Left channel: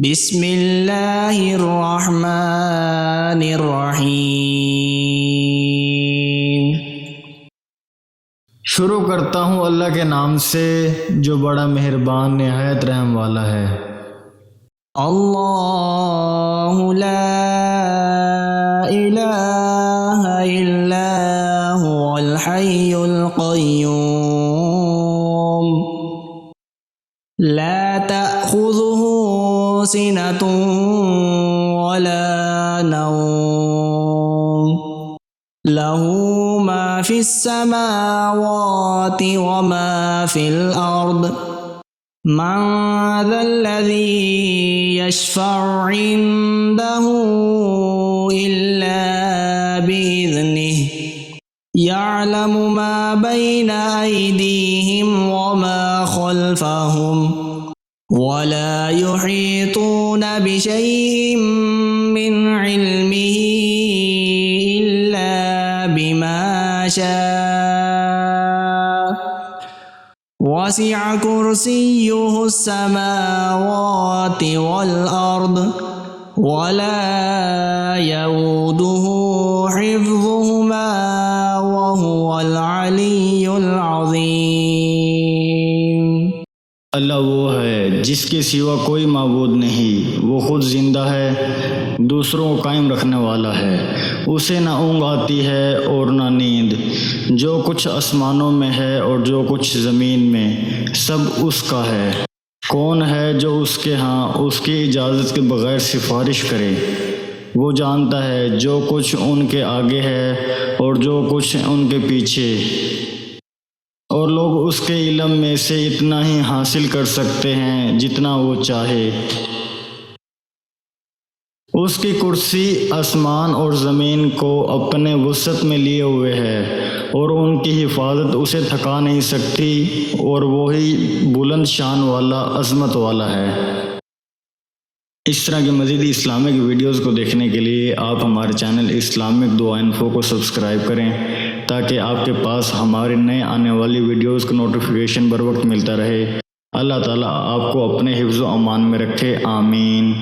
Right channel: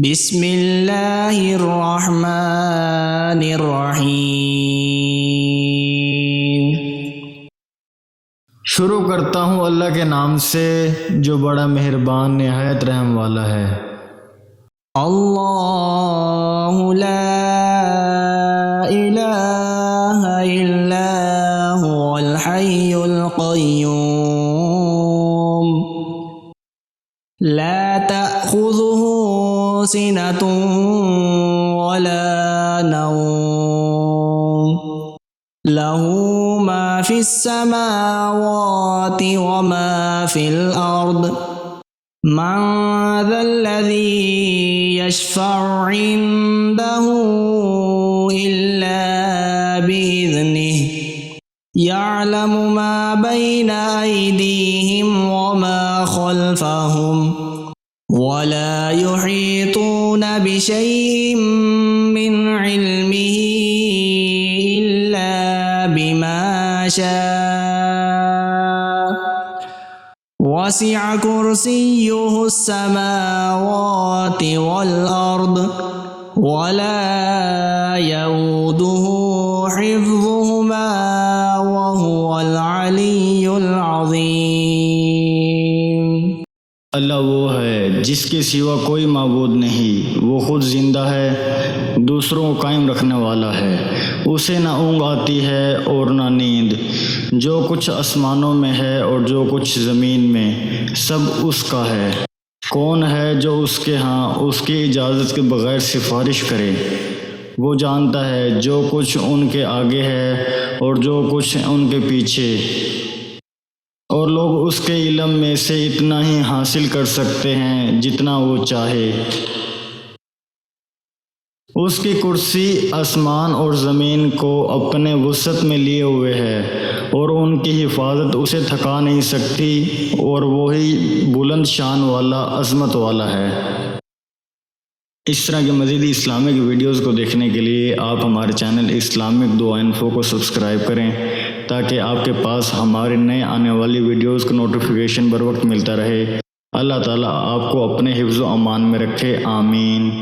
بسم اللہ الرحمن الرحیم۔ شروع کرتا ہوں اللہ کے نام سے جو بڑا مہربان نہایت رحم والا ہے۔ اللہ لا الہ الا هو الحی القیوم لا تأخذه سنة ولا نوم له ما في السماوات وما في الأرض من ذا الذي يشفع عنده إلا بإذنه يعلم ما بين أيديهم وما خلفهم ولا يحيطون بشيء من علمه إلا بما شاء وسع كرسيه السماوات والأرض ولا يؤوده حفظهما وهو العلي العظيم۔ اللہ وہ ہے جس کے سوا کوئی معبود نہیں، وہ خود زندہ ہے، دوسروں کو قائم رکھنے والا ہے، اسے نہ اونگ آتی ہے اور نہ نیند۔ جو کچھ آسمانوں میں ہے اور جو کچھ زمین میں سب اس کا ہے۔ کون ہے جو اس کے ہاں اس کی اجازت کے بغیر سفارش کرے؟ وہ جانتا ہے جو کچھ ان کے آگے ہے اور جو کچھ ان کے پیچھے، اور لوگ اس کے علم میں سے اتنا ہی حاصل کر سکتے ہیں جتنا وہ چاہے۔ اس کی کرسی آسمان اور زمین کو اپنے وسعت میں لیے ہوئے ہے اور ان کی حفاظت اسے تھکا نہیں سکتی، اور وہی بلند شان والا عظمت والا ہے۔ اس طرح کے مزید اسلامک ویڈیوز کو دیکھنے کے لیے آپ ہمارے چینل اسلامک دعا انفو کو سبسکرائب کریں تاکہ آپ کے پاس ہمارے نئے آنے والی ویڈیوز کا نوٹیفیکیشن بر وقت ملتا رہے۔ اللہ تعالیٰ آپ کو اپنے حفظ و امان میں رکھے، آمین۔